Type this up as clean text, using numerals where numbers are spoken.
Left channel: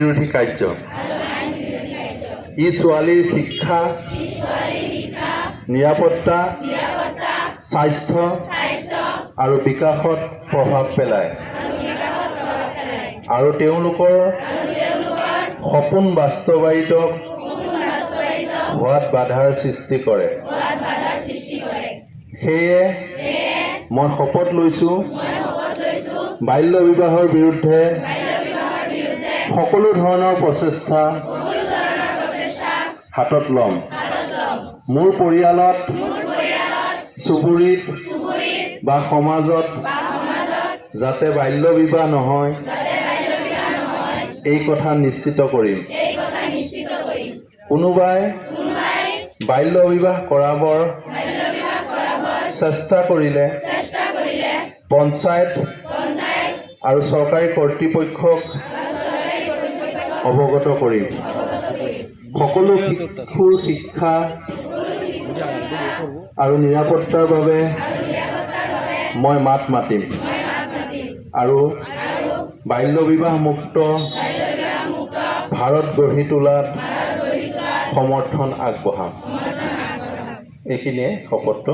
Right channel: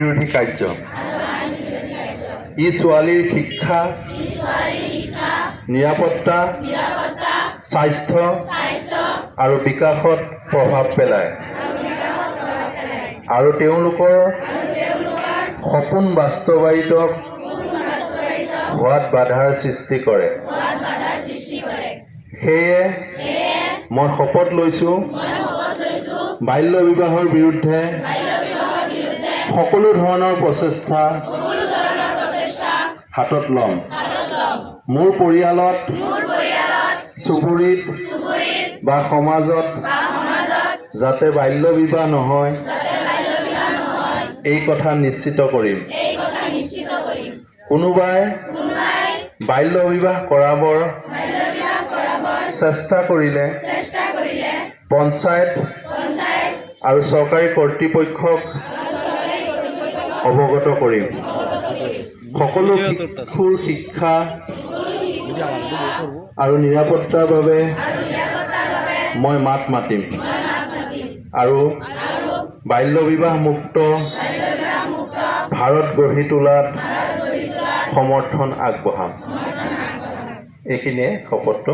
বিৰোধী কাৰ্য ই ছোৱালীৰ শিক্ষা নিৰাপত্তা স্বাস্থ্য আৰু বিকাশত প্ৰভাৱ পেলায় আৰু তেওঁলোকৰ সপোন বাস্তৱায়িত হোৱাত বাধাৰ সৃষ্টি কৰে। সেয়ে মই শপত লৈছো বাল্য বিবাহৰ বিৰুদ্ধে সকলো ধৰণৰ প্ৰচেষ্টা হাতত ল'ম। মোৰ পৰিয়ালত চুবুৰীত বা সমাজত যাতে বাল্য বিবাহ নহয় এই কথা নিশ্চিত কৰিম। কোনোবাই বাল্য বিবাহ কৰাবৰ চেষ্টা কৰিলে পঞ্চায়ত আৰু চৰকাৰী কৰ্তৃপক্ষক অৱগত কৰিম। সকলো শিশুৰ শিক্ষা আৰু নিৰাপত্তাৰ বাবে মই মাত মাতিম আৰু বাল্য বিবাহ মুক্ত ভাৰত গঢ়ি তোলাত সমৰ্থন আগবঢ়াম। এইখিনিয়ে শপতটো